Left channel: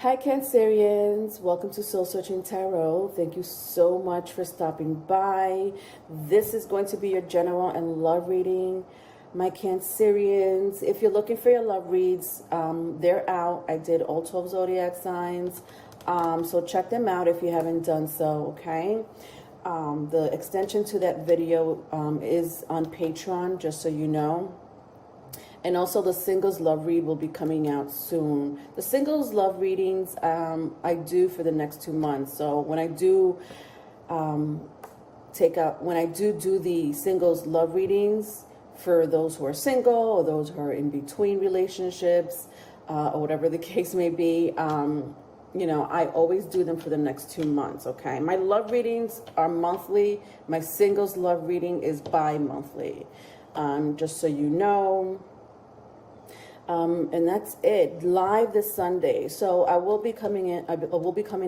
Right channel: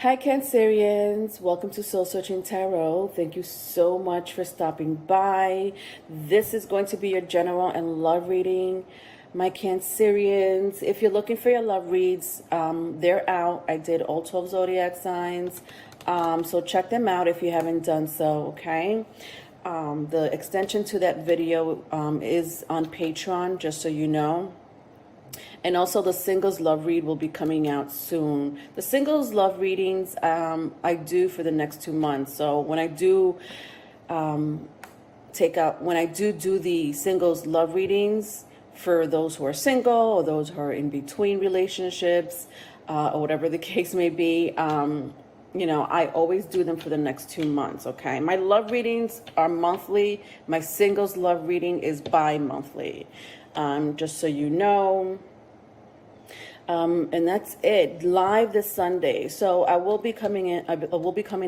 Hi, Cancerians. Welcome to Soul Searching Tarot. Thank you so much for stopping by. This is going to be your general and love reading. My Cancerians, if you're looking for your love reads, they're out. I did all 12 zodiac signs. So check them out if you haven't done so, okay? The extension to that video is on Patreon, just so you know. And also the singles love read will be coming out soon. The singles love readings I do for the next 2 months. So when I do do the singles love readings for those who are single or those who are in between relationships or whatever the case may be, I always do them for the next 2 months, okay? My love readings are monthly. My singles love reading is bi-monthly, just so you know. And that's it. Live this Sunday. So I will be coming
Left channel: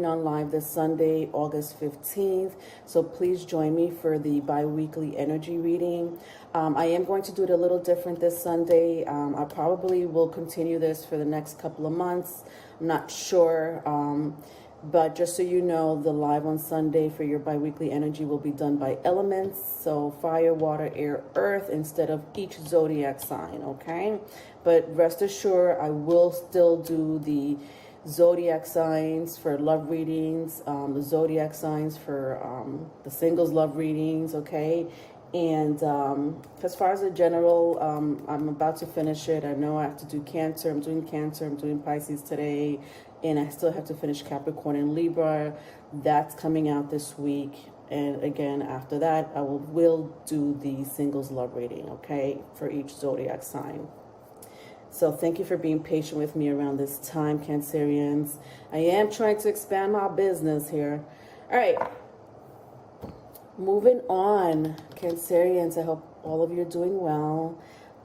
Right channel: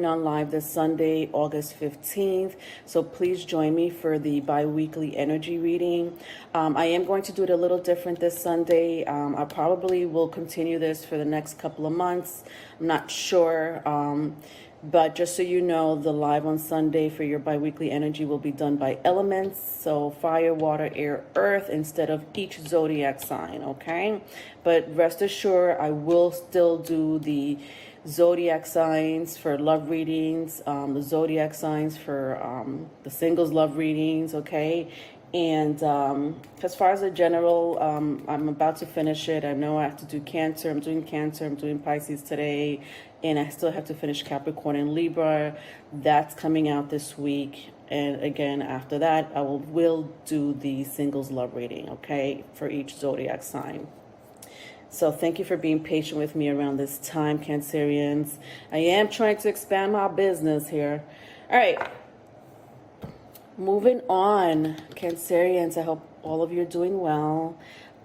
on live this Sunday, August 15th. So please join me for the bi-weekly energy reading. I am going to do it a little different this Sunday. I probably will continue this for the next couple of months. I'm not sure. But just so you know, the live on Sunday for your bi-weekly energy will be done by elements. So fire, water, air, earth instead of each zodiac sign, okay? But rest assured, I will still do the zodiac signs for love readings, the zodiac signs for the singles love readings, okay? And as far as the general, I'm about to finish it. I know I have to do Cancer. I'm doing Cancer. I'm doing Pisces today. And I still have to finish Capricorn and Libra. That's coming out this week. And again, after that, I will do the singles love reading, okay, for each zodiac sign. So thank you for being patient with me around this time, Cancerians. I am trying to expand my business here. All right. Moving on, Cancerians, I hope all of you are doing well.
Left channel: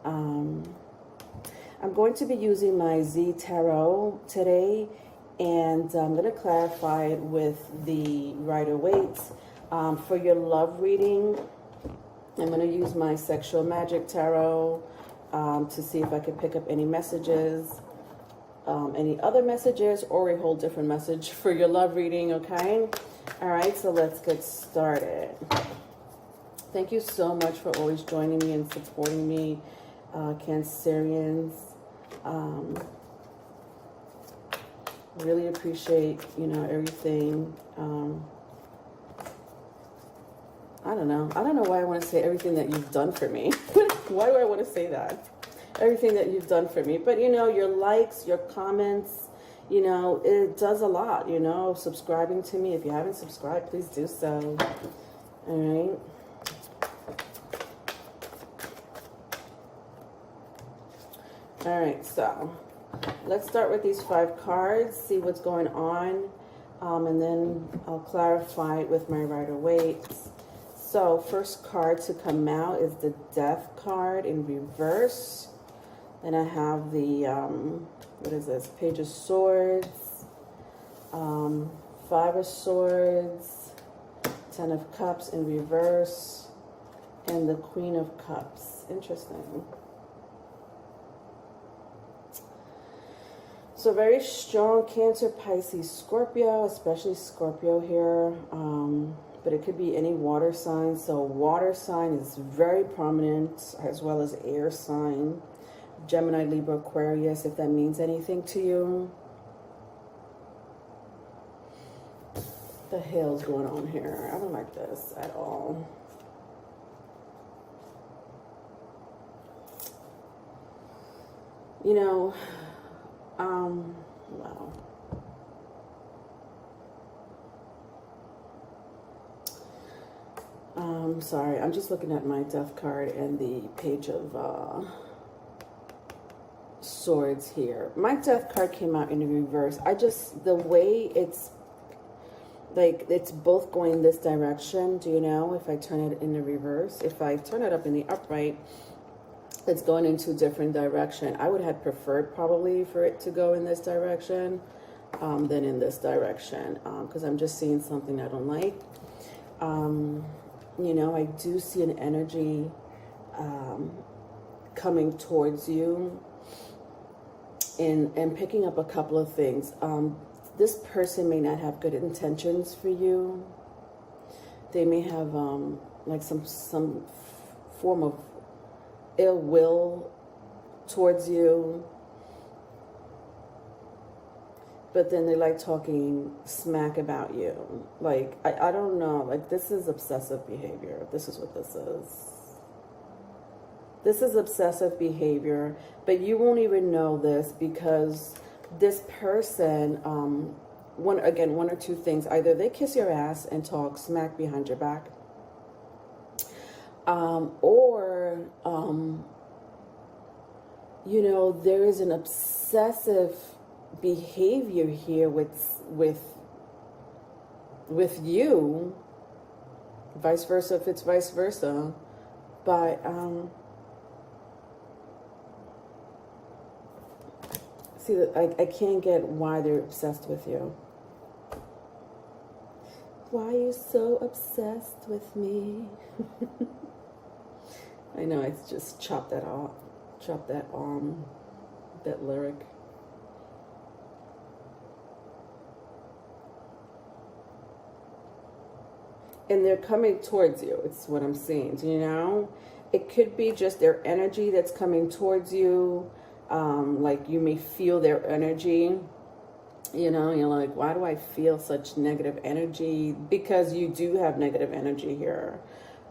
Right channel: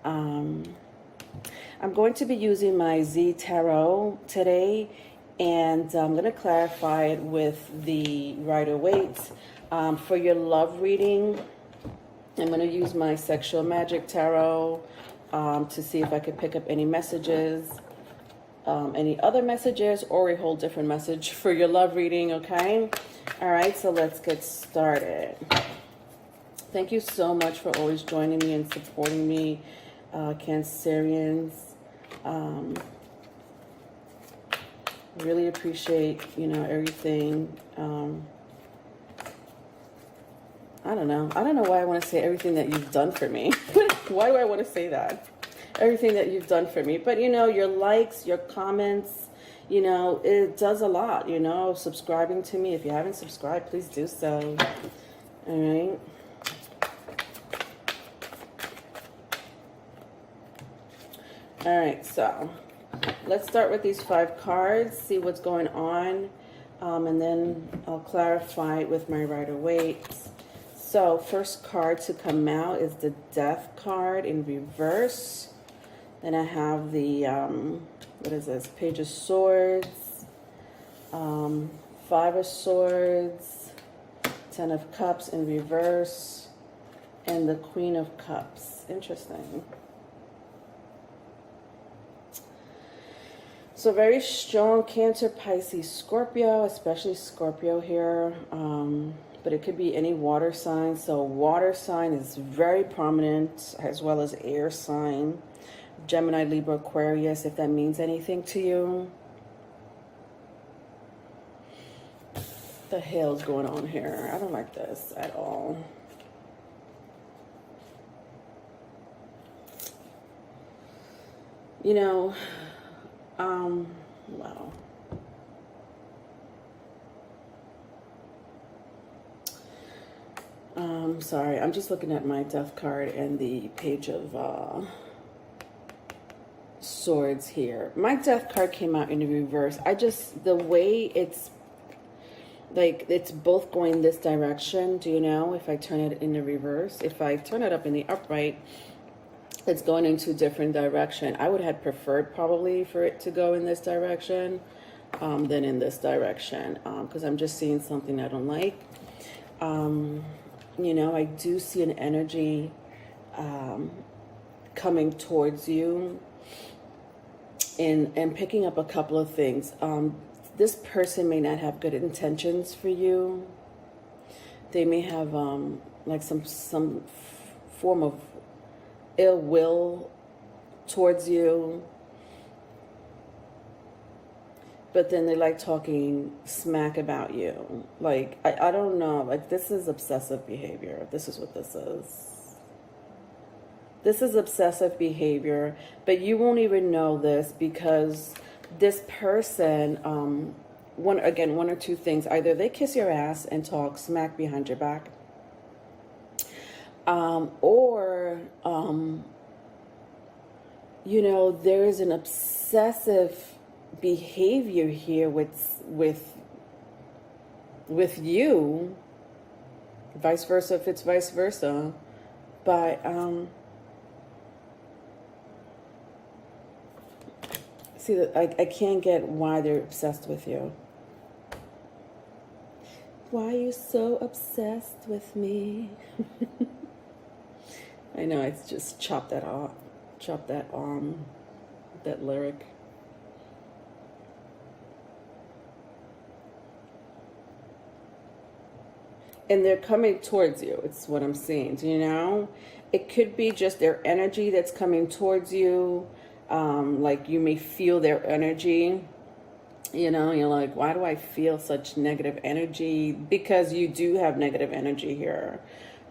I'm going to be using my Z Tarot today, and I'm going to clarify it with the Rider-Waite. For your love reading, I'm going to use my Sexual Magic Tarot to see if I could pick up any messages, any other messages, or a whole different message for your love reading, okay? All right, so let's get started. Thank you so much for always joining me and supporting me, Cancerians. Really appreciate, everything. I don't know why I want to say everything that you've done for me. Why do I want to say that? Everything that you've done for me. But, your likes, your comments, it does a lot, subscribing to me. If you haven't subscribed, please do so. All right. All right, so let's start with these 5 cards, see what's going on, and then I'll clarify it with my Rider-Waite. So first card to come out is the Death card in reverse. Then I have the, what is this, Page of Swords, 5 of Swords, 10 of Cups in reverse, and the Queen of Cups. Interesting. So very strong Cancer, Pisces, Scorpio, especially Scorpio here. But it could be any water sign. So water sign is very prominent, as well as air sign. Gemini, Libra, Aquarius, if that means anything to you. What the hell is going on here? I don't like this at all. Wow. Sorry, I'm just looking at my Death card and the Page of Swords here. My Death card came out in the reverse. The way it's both going this direction, do you know? If I turn it in the reverse, if I turn it up in the upright, it's going into a different direction. I would have preferred probably for it to go in this direction than in this direction, because I'm just seeing something I don't like. I do see an energy coming towards you and picking up a couple of things. this person may not have good intentions for you. They may have like some form of ill will towards you. But then they like talking smack about you. Like, I don't know. Like, this is obsessive behavior. This is what this is. This is obsessive behavior. But you won't even know this because this person, one or two things. Either they kiss your ass and talk smack behind your back. Or you know, there is an obsessive behavior here with you, vice versa if it's vice versa, but see that I can't get why they're obsessed with you. Why are you so obsessed with me? I know, it's just chop that off, chop that that lyric. And they're coming towards you. It's what I'm seeing. You know, it could be just their energy that's coming towards you. Like you may feel their energy. You know, you're like, why do I feel such negative energy? Because you do have negative energy here.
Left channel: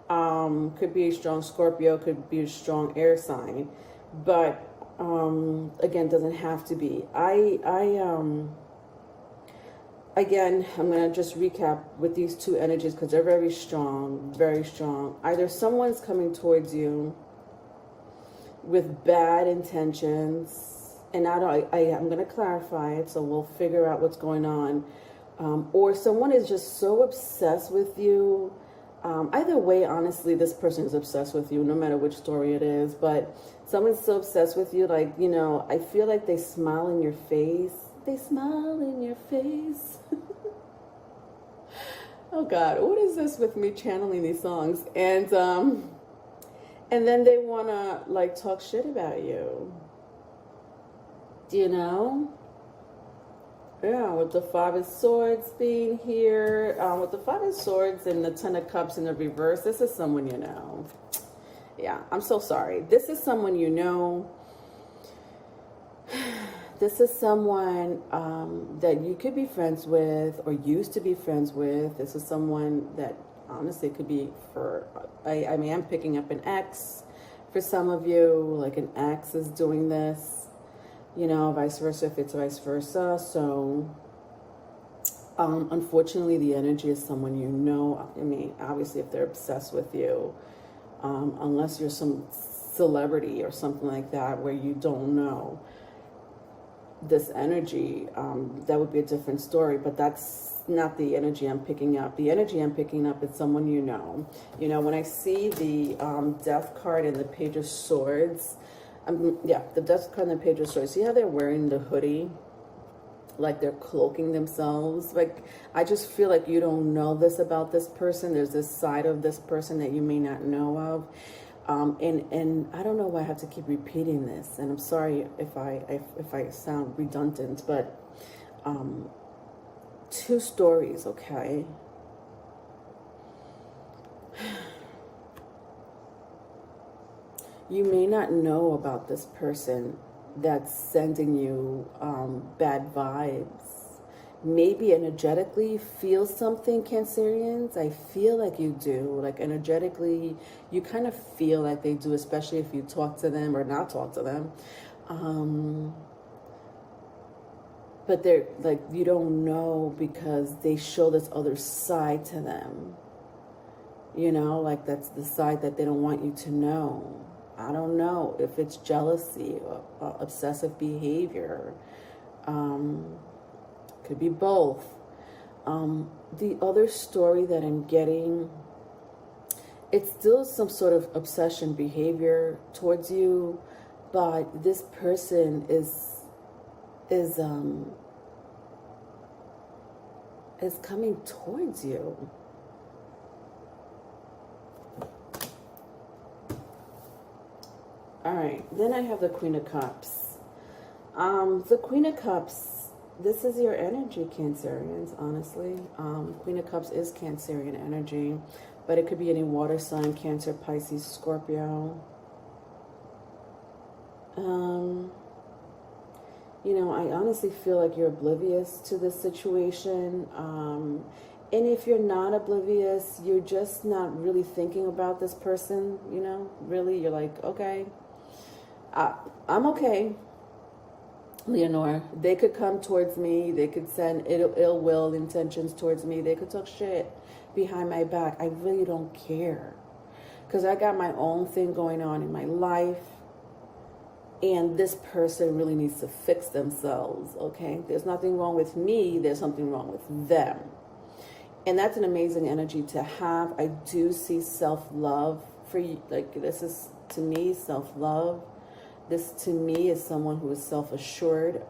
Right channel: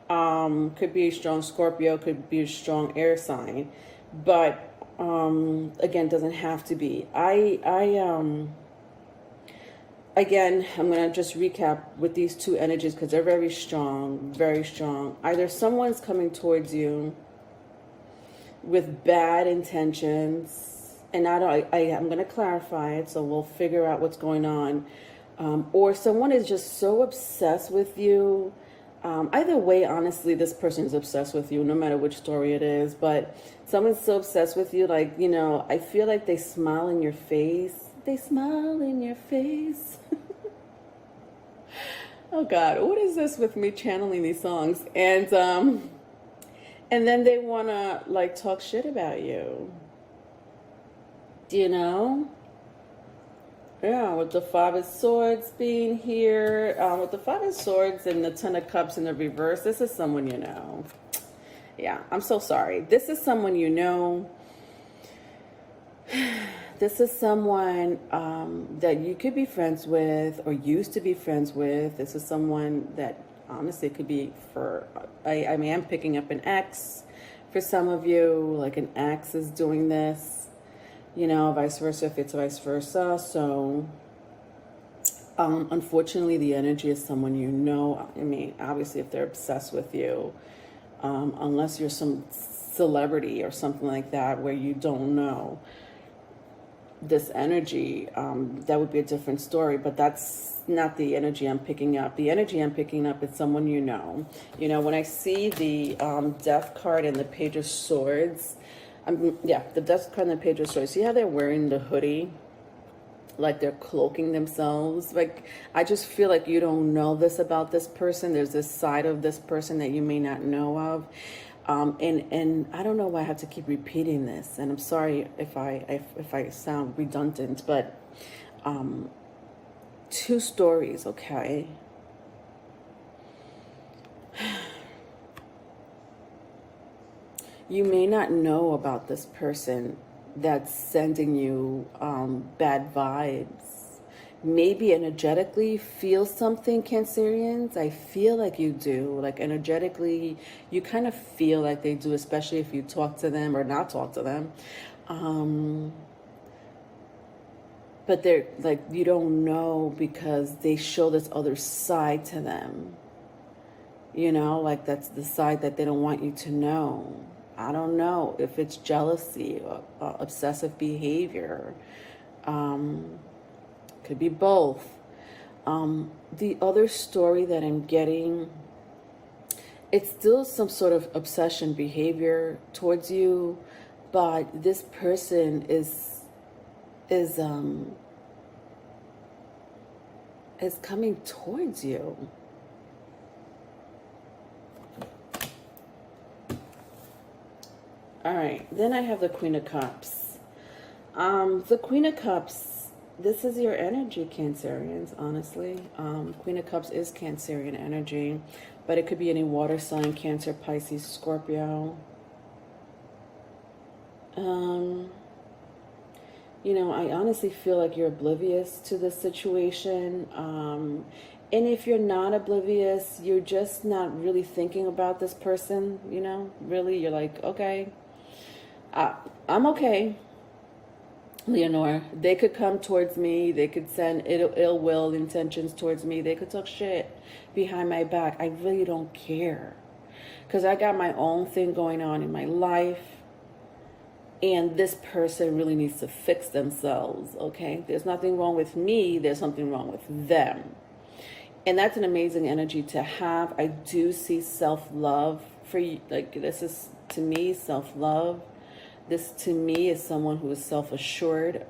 Could be a strong Scorpio, could be a strong air sign, but again, doesn't have to be. Again, I'm going to just recap with these two energies because they're very strong, very strong. Either someone's coming towards you with bad intentions, and I'm going to clarify it, so we'll figure out what's going on. Or someone is just so obsessed with you. Either way, honestly, this person is obsessed with you, no matter which story it is. But someone's so obsessed with you, like, you know, I feel like they smile in your face. They smile in your face. Oh God, what is this with me channeling these songs? And then they wanna like talk shit about you. Do you know? Yeah, with the Five of Swords being here, with the Five of Swords and the Ten of Cups in the reverse, this is someone you know. Yeah, I'm so sorry. This is someone you know. This is someone that you could be friends with or used to be friends with. This is someone that honestly it could be for, I mean, I'm picking up an ex for some of you, like an ex is doing this, you know, vice versa if it's vice versa. So unfortunately, the energy is someone you know. I mean, obviously if they're obsessed with you, unless you're some celebrity or something like that where you don't know this energy, that would be a different story, but that's not the energy I'm picking up. The energy I'm picking up is someone you know. You know, when I see the Death card and the Page of Swords, the Death card and the Page of Swords, see how they're wearing the hoodie? Like they're cloaking themselves. Like, I just feel like you don't know this about this person. There's this side of this person that you may not know of. And I don't know why I have to keep repeating this, and I'm sorry if I sound redundant, but two stories, okay? You may not know about this person that's sending you bad vibes. Maybe energetically feel something, Cancerians. I feel like you do. Like energetically, you kind of feel like they do, especially if you talk to them or not talk to them. But they're like, you don't know because they show this other side to them. You know, like that's the side that they don't want you to know. I don't know if it's jealousy or obsessive behavior. Could be both. The other story that I'm getting, it's still some sort of obsession behavior towards you, but this person is coming towards you. All right, then I have the Queen of Cups. The Queen of Cups this is your energy, Cancerians, honestly. Queen of Cups is Cancerian energy, but it could be any water sign, Cancer, Pisces, Scorpio. You know, I honestly feel like you're oblivious to this situation. And if you're not oblivious, you're just not really thinking about this person, you know, really. You're like, okay, I'm okay. Leonore, they could come towards me. They could send ill will intentions towards me. They could talk shit behind my back. I really don't care because I got my own thing going on in my life. And this person really needs to fix themselves, okay? There's nothing wrong with me. There's something wrong with them. And that's an amazing energy to have. I do see self-love for you. Like, this is, to me, self-love. This, to me, is someone who is self-assured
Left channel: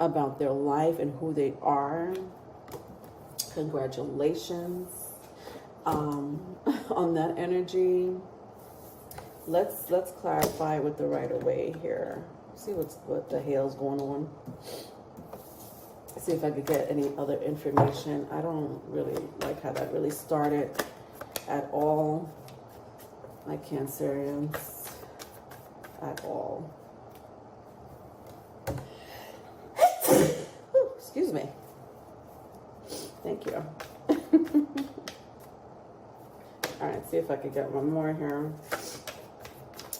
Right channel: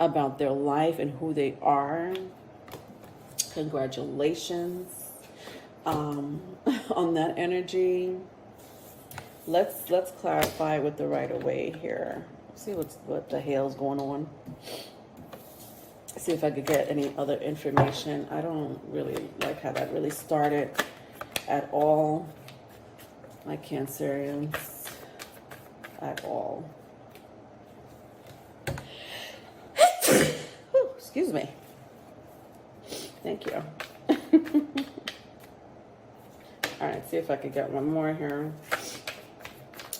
about their life and who they are. Congratulations on that energy. Let's clarify with the Rider-Waite here. See what the hell's going on. See if I could get any other information. I don't really like how that really started at all. My Cancerians, at all. Excuse me. Thank you. All right, see if I could get one more here.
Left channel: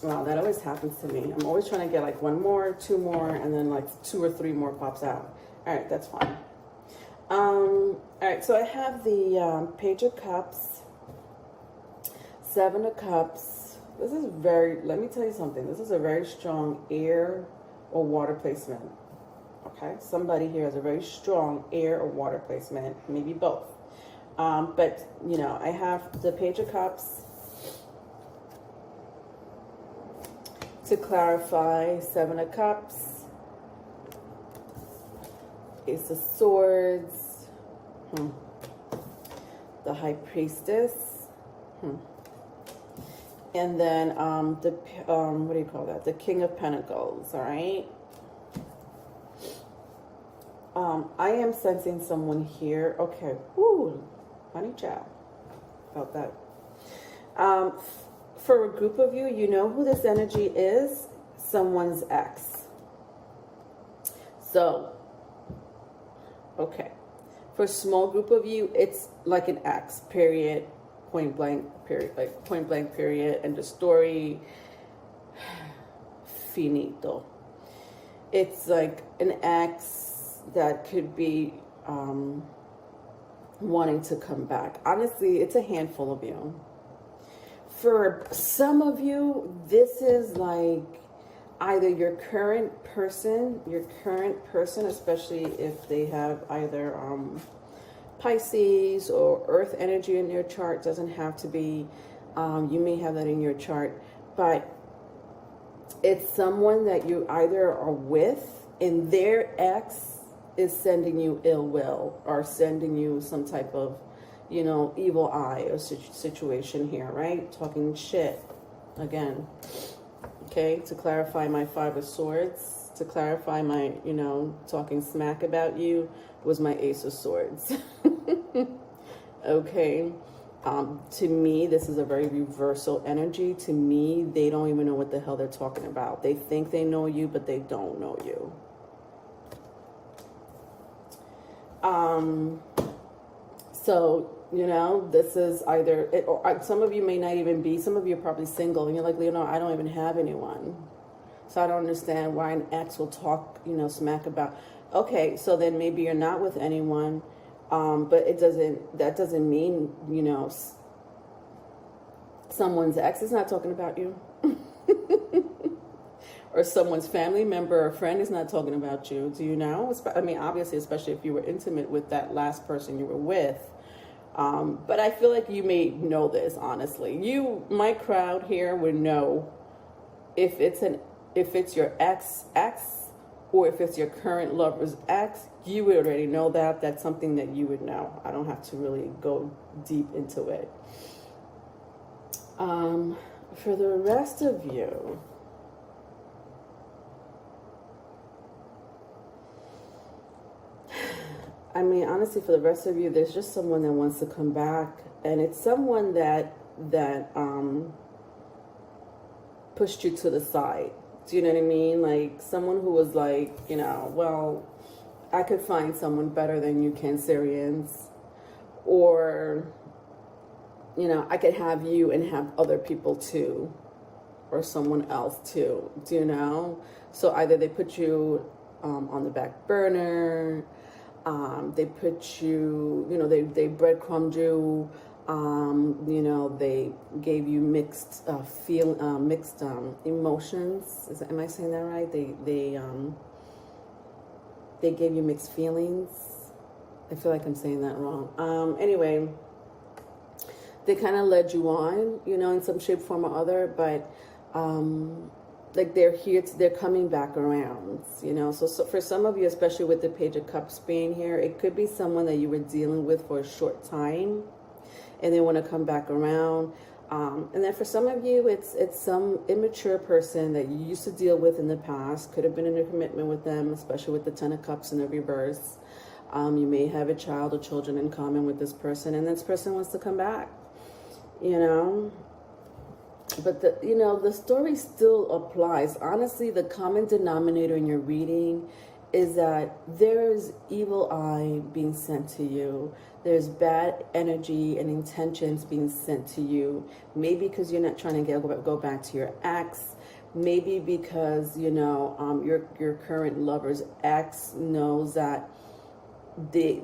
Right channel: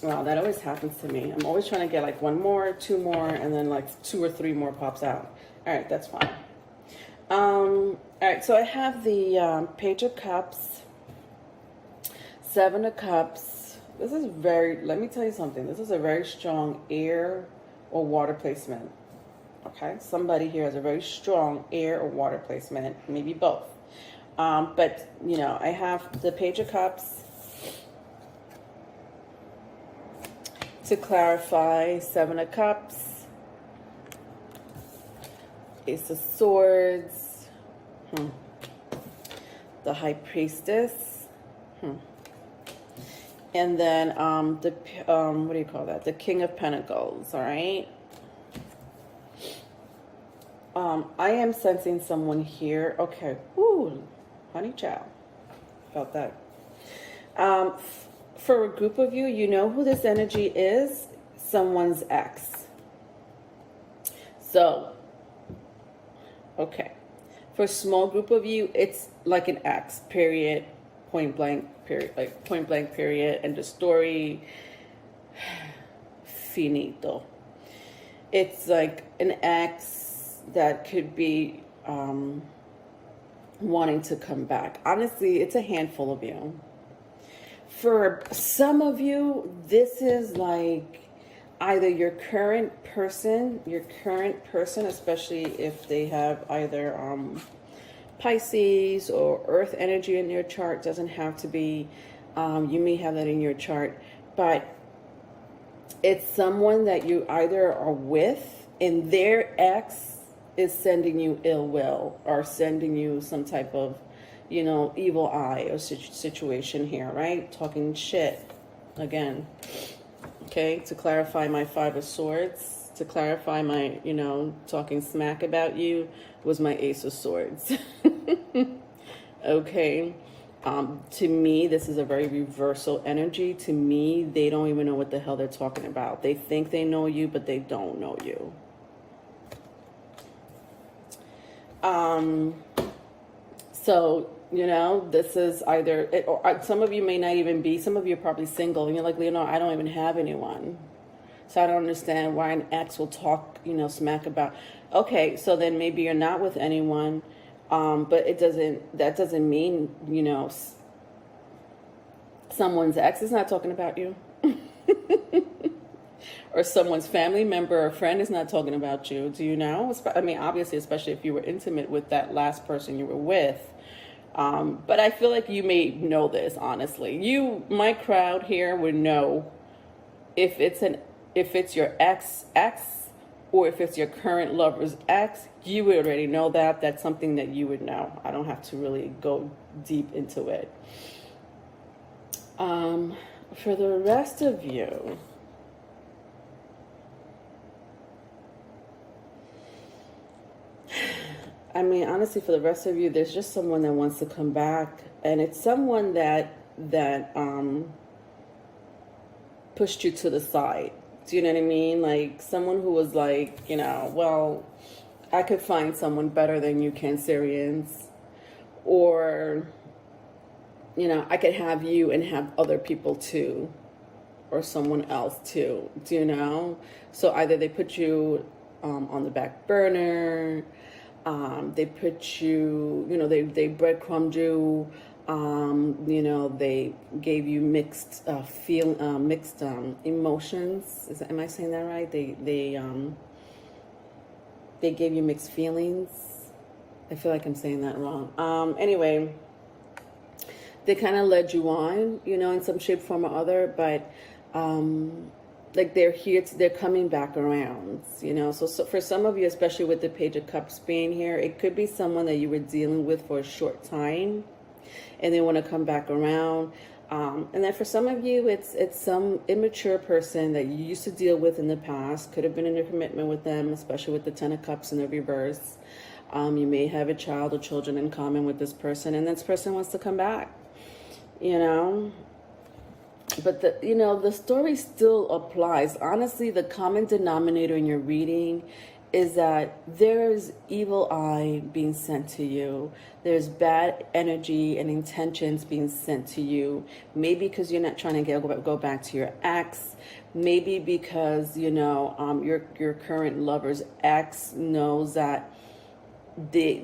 Wow, that always happens to me. I'm always trying to get like one more, two more, and then like 2 or 3 more pops out. All right, that's fine. All right, so I have the Page of Cups, 7 of Cups. This is very, let me tell you something. This is a very strong air or water placement. Okay, somebody here has a very strong air or water placement, maybe both. But, you know, I have the Page of Cups. To clarify, 7 of Cups, Ace of Swords, the High Priestess, and then the what do you call that? The King of Pentacles. All right. I am sensing someone here. Okay. Ooh, honey child. Felt that. For a group of you, you know who this energy is? Someone's ex. So, okay. For a small group of you, it's like an ex, period, point blank, period, like point blank, period, and the story, finito. It's like an ex that could be wanting to come back. Honestly, it's a handful of you. For some of you, this is like either your current person, especially if they have either Pisces or Earth energy in their chart. Doesn't have to be, you may have that in your chart, but it's someone that you either are with and their ex is sending you ill will or sending you some type of, you know, evil eye or situation here, right? Talking shit again. Okay, to clarify my 5 of Swords, to clarify my, you know, talking smack about you was my Ace of Swords. Okay, to me, this is a very reversal energy. To me, they don't even know what the hell they're talking about. They think they know you, but they don't know you. So, you know, this is either, or some of you may not even be, some of you are probably single, and you're like, Leonore, I don't even have anyone. So I don't understand why an ex will talk, you know, smack about, okay, so then maybe you're not with anyone, but that doesn't mean, you know, someone's ex is not talking about you. Or someone's family member or friend is not talking about you. Do you know? I mean, obviously, especially if you were intimate with that last person you were with. But I feel like you may know this, honestly. My crowd here would know if it's your ex, or if it's your current lover's ex. You would already know that. That's something that you would know. I don't have to really go deep into it. For the rest of you, I mean, honestly, for the rest of you, there's just someone that wants to come back, and it's someone that pushed you to the side. Do you know what I mean? Like someone who was like, well, I could find someone better than you, Cancerians, or I could have you and have other people too, or someone else too. Do you know? So either they put you on the back burner. They put you, they breadcrumbed you. They gave you mixed emotions. Am I saying that right? They gave you mixed feelings. I feel like I'm saying that wrong. Anyway, they kind of led you on, in some shape, form, or other. But like they're coming back around, So for some of you, especially with the Page of Cups being here, it could be someone that you were dealing with for a short time, and they want to come back around. And then for some of you, it's some immature person that you used to deal with in the past. Could have been in a commitment with them, especially with the Ten of Cups in the reverse. You may have a child or children in common with this person, and this person wants to come back, But the story still applies. Honestly, the common denominator in your reading is that there's evil eye being sent to you. There's bad energy and intentions being sent to you. Maybe because you're not trying to go back to your ex. Maybe because your current lover's ex knows that they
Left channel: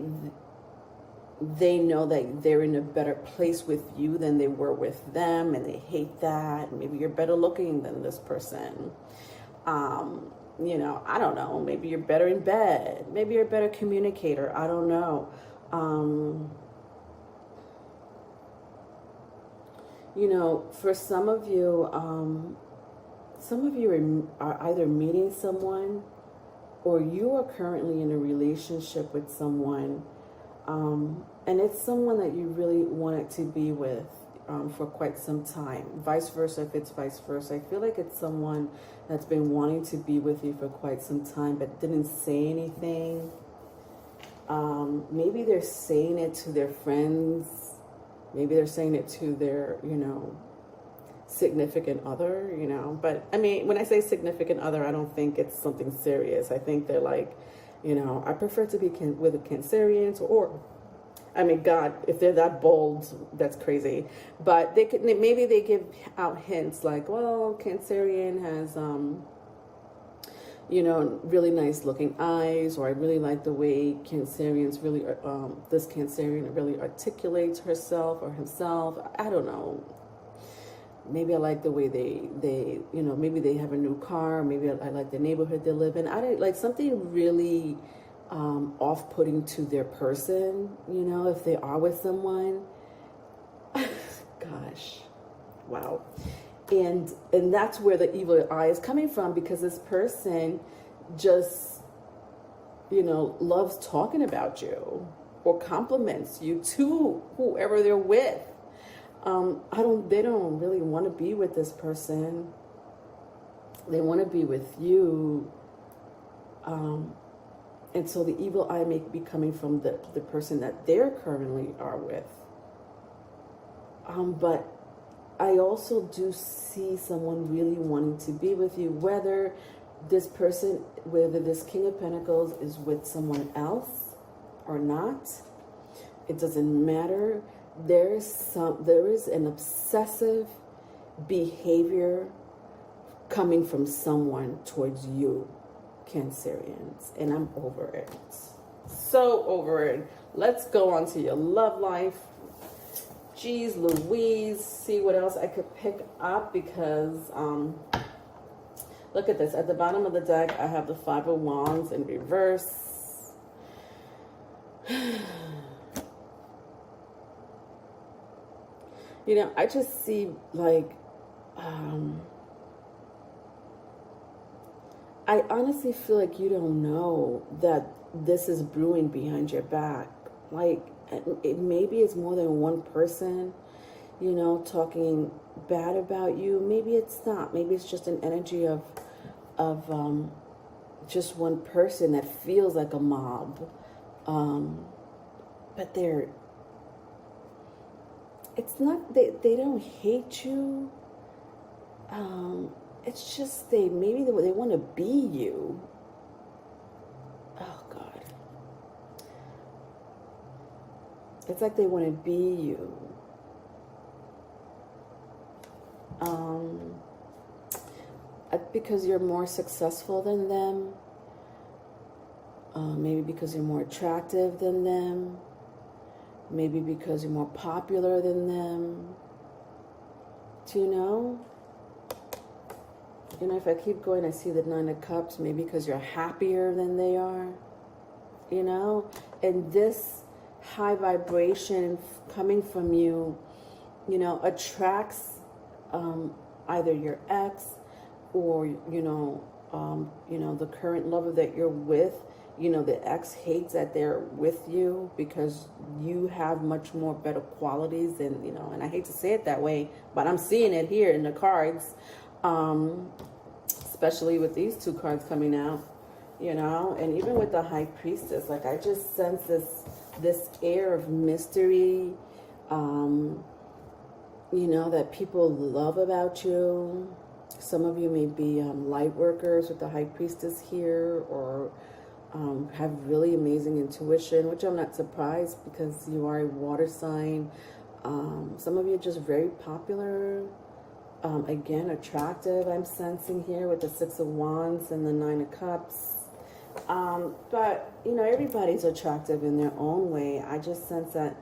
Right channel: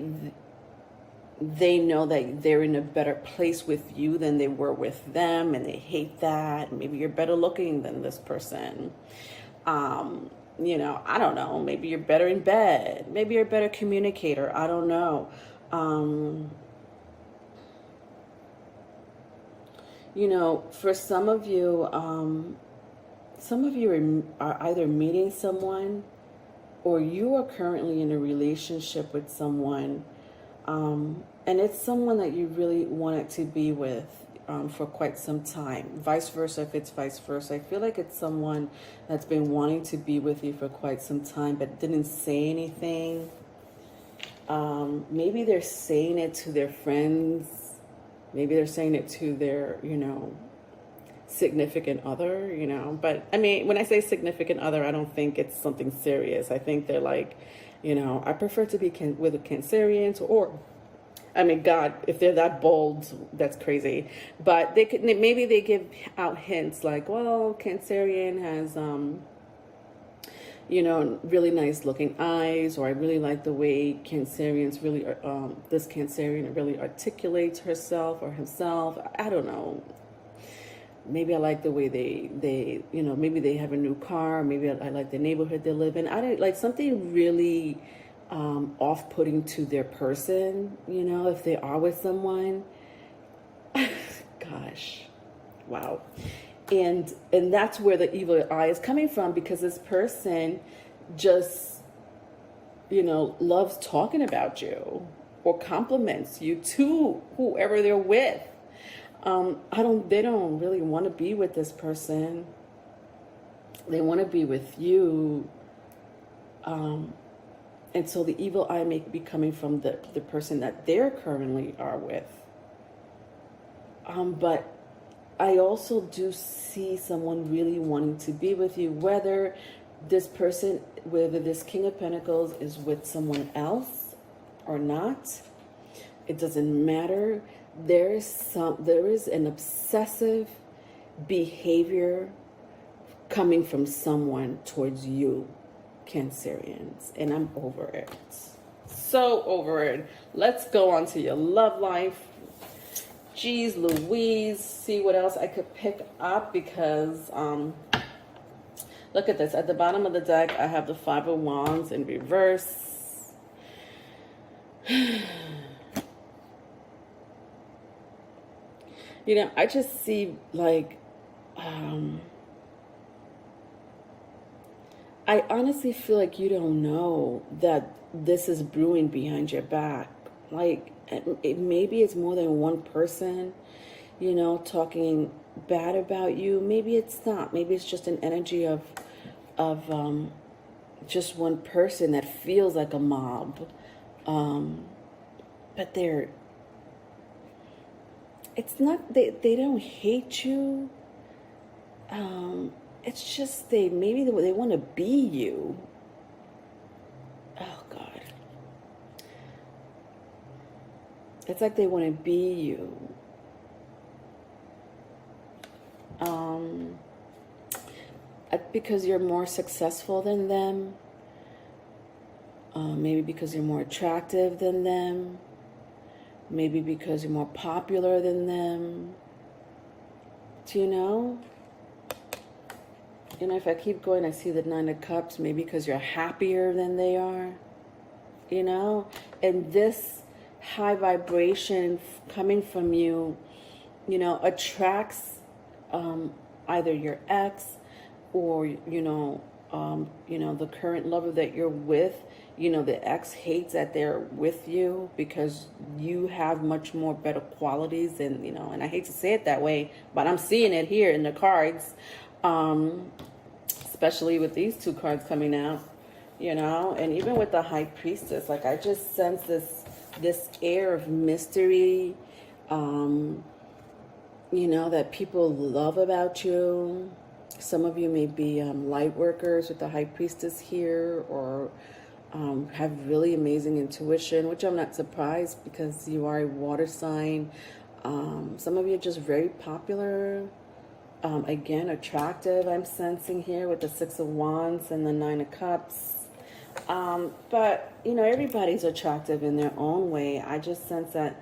know that they're in a better place with you than they were with them, and they hate that. Maybe you're better looking than this person. I don't know. Maybe you're better in bed. Maybe you're a better communicator. I don't know. For some of you are either meeting someone, or you are currently in a relationship with someone. And it's someone that you really wanted to be with for quite some time. Vice versa, if it's vice versa. I feel like it's someone that's been wanting to be with you for quite some time but didn't say anything. Maybe they're saying it to their friends. Maybe they're saying it to their, significant other, But, I mean, when I say significant other, I don't think it's something serious. I think they're like, I prefer to be with a Cancerian, or, I mean, God, if they're that bold, that's crazy. But maybe they give out hints like, well, Cancerian has, really nice looking eyes, or I really like the way this Cancerian really articulates herself or himself. I don't know. Maybe I like the way they maybe they have a new car. Maybe I like the neighborhood they live in. I didn't like something really off-putting to their person, if they are with someone. Gosh, wow. And that's where the evil eye is coming from, because this person just, loves talking about you or compliments you to whoever they're with. They don't really want to be with this person. They want to be with you. And so the evil eye may be coming from the person that they're currently are with. But I also do see someone really wanting to be with you, whether this King of Pentacles is with someone else or not. It doesn't matter. There is an obsessive behavior coming from someone towards you, Cancerians, and I'm over it. So over it. Let's go on to your love life. Jeez Louise, see what else I could pick up, because look at this. At the bottom of the deck, I have the Five of Wands in reverse. I just see like, I honestly feel like you don't know that this is brewing behind your back. Like, maybe it's more than one person, talking bad about you. Maybe it's not. Maybe it's just an energy of just one person that feels like a mob. But it's not, they don't hate you. It's just maybe they want to be you. Oh God. It's like they want to be you. Because you're more successful than them. Maybe because you're more attractive than them. Maybe because you're more popular than them. Do you know? You know, if I keep going, I see the Nine of Cups. Maybe because you're happier than they are. You know? And this high vibration coming from you, you know, attracts either your ex or, you know, the current lover that you're with. You know, the ex hates that they're with you because you have much more better qualities than, you know, and I hate to say it that way, but I'm seeing it here in the cards, especially with these two cards coming out, you know, and even with the High Priestess, like I just sense this air of mystery, you know, that people love about you. Some of you may be light workers with the High Priestess here, or have really amazing intuition, which I'm not surprised because you are a water sign. Some of you are just very popular. Again, attractive, I'm sensing here with the Six of Wands and the Nine of Cups. But, you know, everybody's attractive in their own way. I just sense that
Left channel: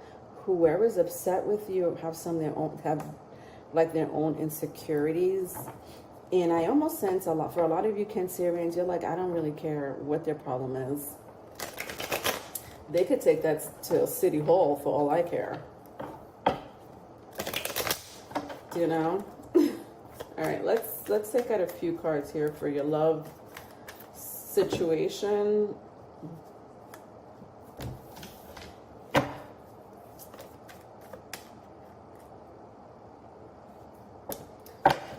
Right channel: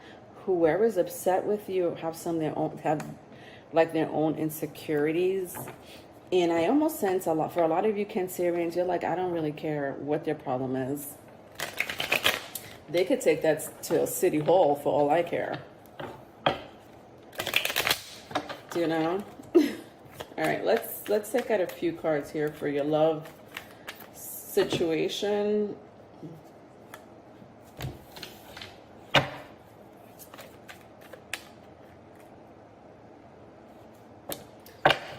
whoever's upset with you have like their own insecurities. And I almost sense for a lot of you Cancerians, you're like, I don't really care what their problem is. They could take that to City Hall for all I care. You know? All right, let's take out a few cards here for your love situation.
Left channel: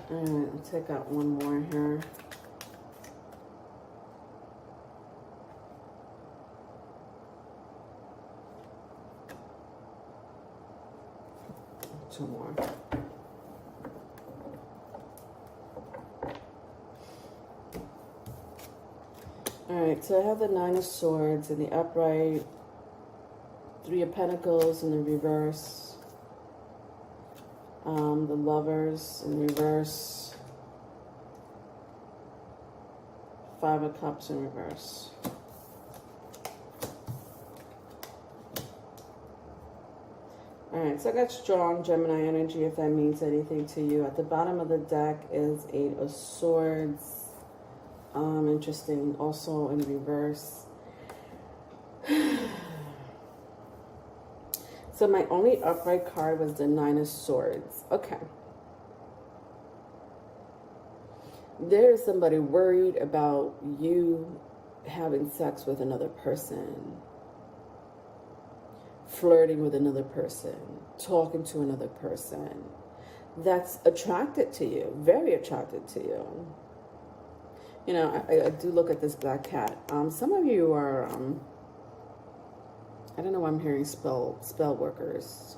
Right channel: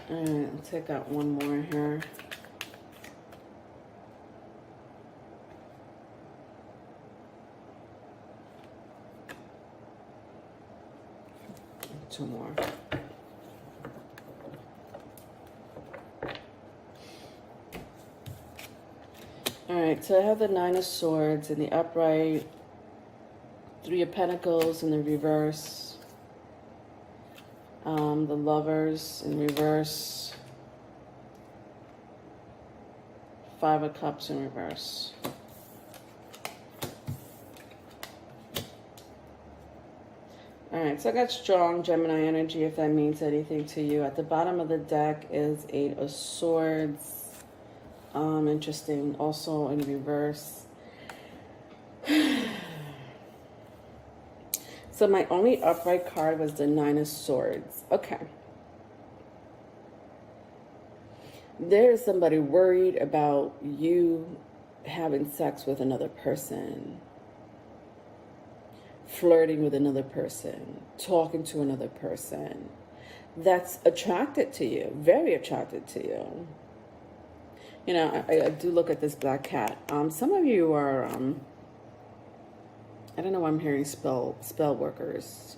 All right, I'll take out one more here. Two more. All right, so I have the Nine of Swords in the upright, Three of Pentacles in the reverse, the Lovers in reverse, Five of Cups in reverse. All right, so I got strong Gemini energy, if that means anything to you. At the bottom of the deck is Eight of Swords. Interesting, also in reverse. So my only upright card was the Nine of Swords. Okay. There is somebody worried about you having sex with another person, flirting with another person, talking to another person. That's attracted to you, very attracted to you. You know, I do look at this black cat. Some of you are, I don't know why I'm hearing spell workers.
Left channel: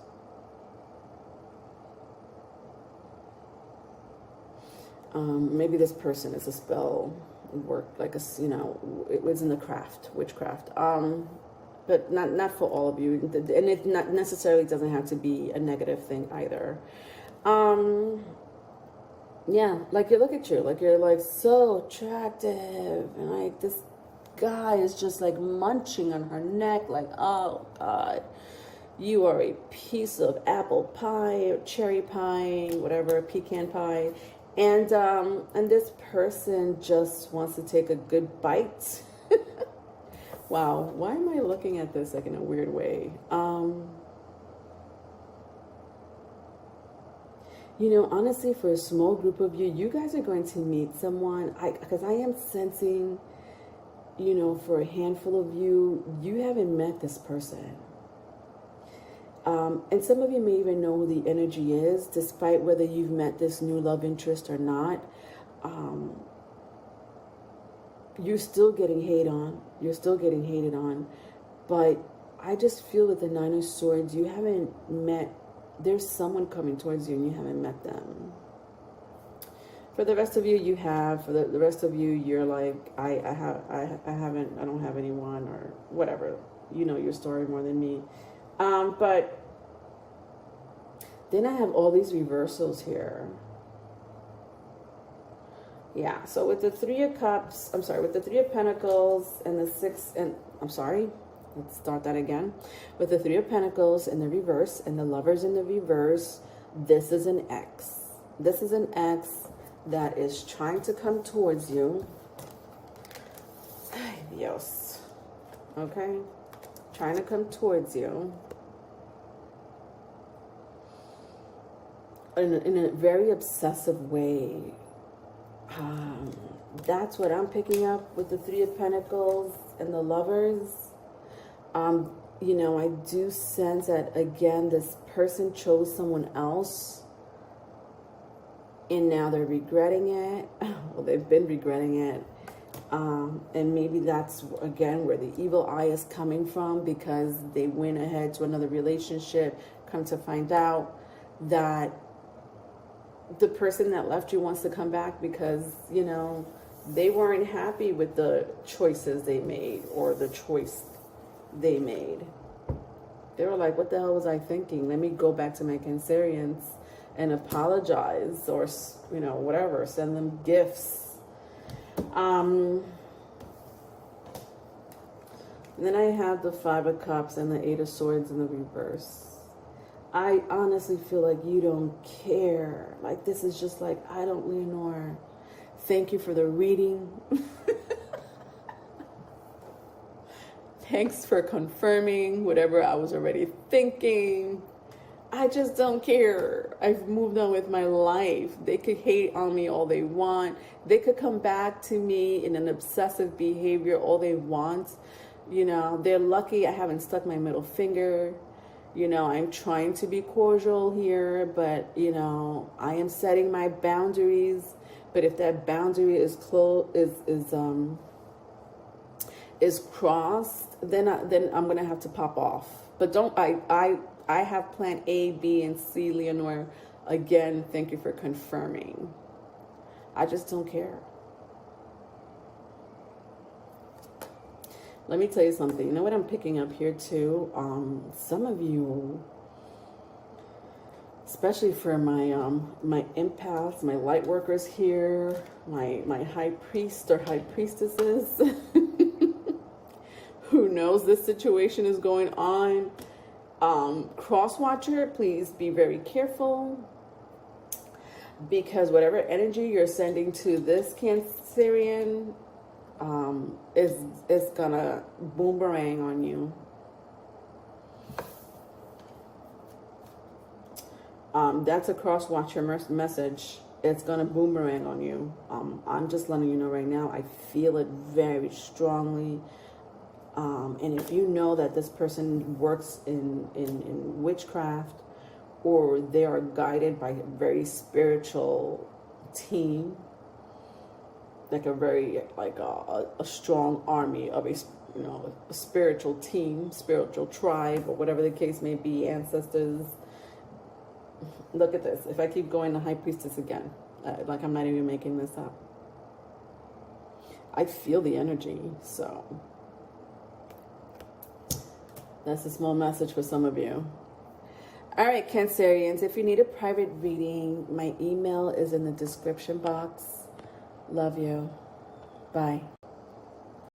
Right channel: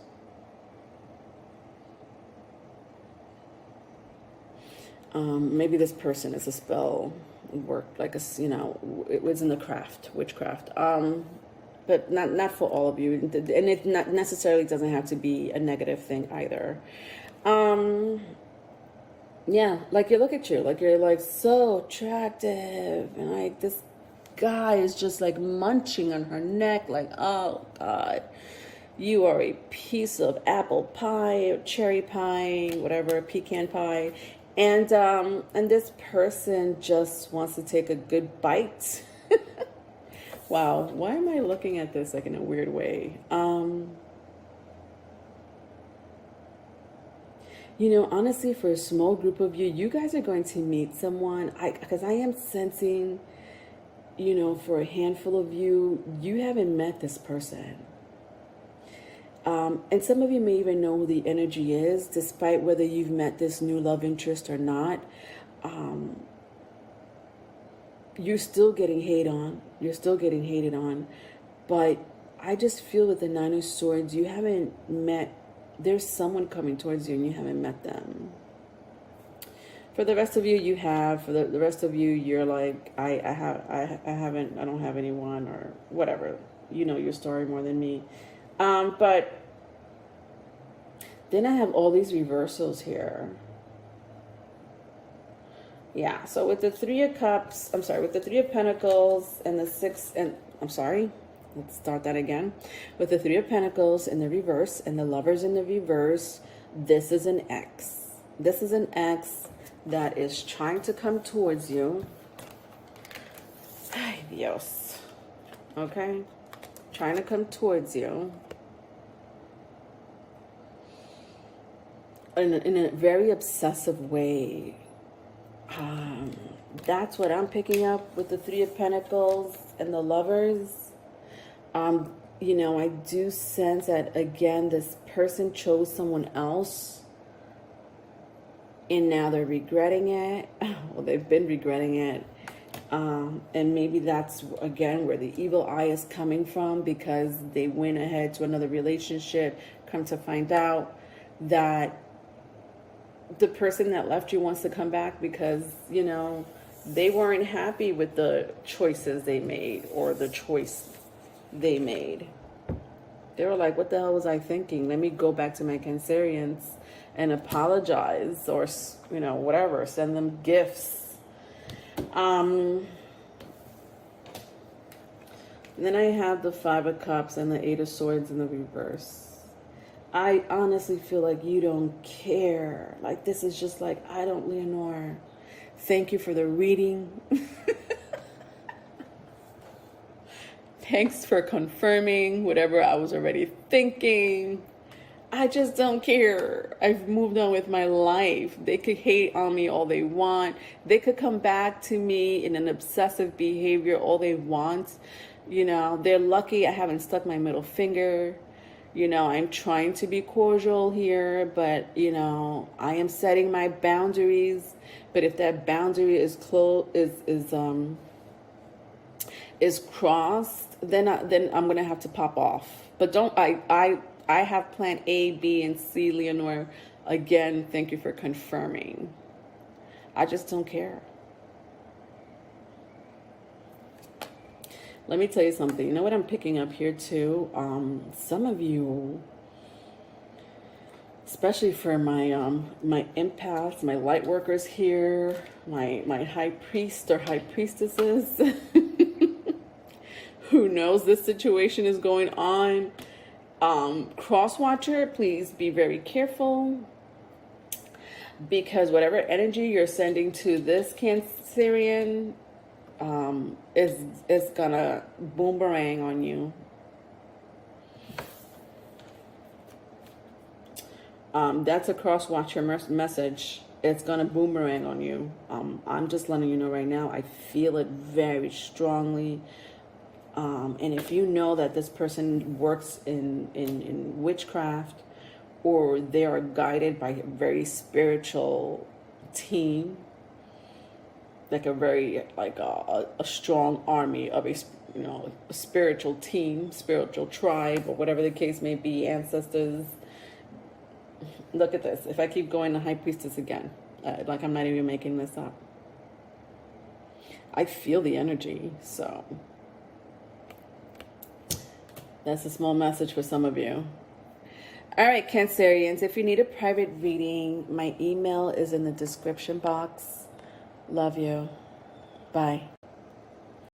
Maybe this person is a spell work, like you know, it was in the craft, witchcraft. But not for all of you, and it not necessarily doesn't have to be a negative thing either. Yeah, like you look at you, like you're like so attractive, and like this guy is just like munching on her neck, like, oh God, you are a piece of apple pie or cherry pie, whatever, pecan pie, and this person just wants to take a good bite. Wow, why am I looking at this like in a weird way? You know, honestly, for a small group of you, you guys are going to meet someone, because I am sensing, you know, for a handful of you, you haven't met this person. And some of you may even know who the energy is, despite whether you've met this new love interest or not. You're still getting hated on. You're still getting hated on. But I just feel with the Nine of Swords, you haven't met, there's someone coming towards you and you haven't met them. For the rest of you, you have. For the rest of you, you're like, I don't have anyone, or whatever. You know your story more than me. But then I have all these reversals here. Yeah, so with the Three of Cups, with the Three of Pentacles and the Six, and let's start that again. With the Three of Pentacles in the reverse and the Lovers in the reverse, this is an X. This is an X that is trying to come towards you. Ay, Dios. Okay? Trying to come towards you. In a very obsessive way. That's what I'm picking up with the Three of Pentacles and the Lovers. You know, I do sense that, again, this person chose someone else. And now they're regretting it. Well, they've been regretting it. And maybe that's, again, where the evil eye is coming from, because they went ahead to another relationship, come to find out that the person that left you wants to come back because, you know, they weren't happy with the choices they made or the choice they made. They were like, what the hell was I thinking? Let me go back to my Cancerians and apologize, or, you know, whatever, send them gifts. Then I have the Five of Cups and the Eight of Swords in the reverse. I honestly feel like you don't care. Like, this is just like, I don't, Leonore. Thank you for the reading. Thanks for confirming whatever I was already thinking. I just don't care. I've moved on with my life. They could hate on me all they want. They could come back to me in an obsessive behavior all they want. You know, they're lucky I haven't stuck my middle finger. You know, I'm trying to be cordial here, but, you know, I am setting my boundaries. But if that boundary is crossed, then I'm gonna have to pop off. But I have plan A, B, and C, Leonore. Again, thank you for confirming. I just don't care. Let me tell you something. You know what I'm picking up here too? Some of you, especially for my my empaths, my light workers here, my high priest or high priestesses, who knows this situation is going on. Cross watcher, please be very careful, because whatever energy you're sending to this Cancerian is gonna boomerang on you. That's a cross watcher message. It's gonna boomerang on you. I'm just letting you know right now. I feel it very strongly. And if you know that this person works in witchcraft, or they are guided by a very spiritual team, like a very, like a strong army of a spiritual team, spiritual tribe, or whatever the case may be, ancestors. Look at this. If I keep going to High Priestess again, like I'm not even making this up. I feel the energy, so that's a small message for some of you. All right, Cancerians, if you need a private reading, my email is in the description box. Love you. Bye.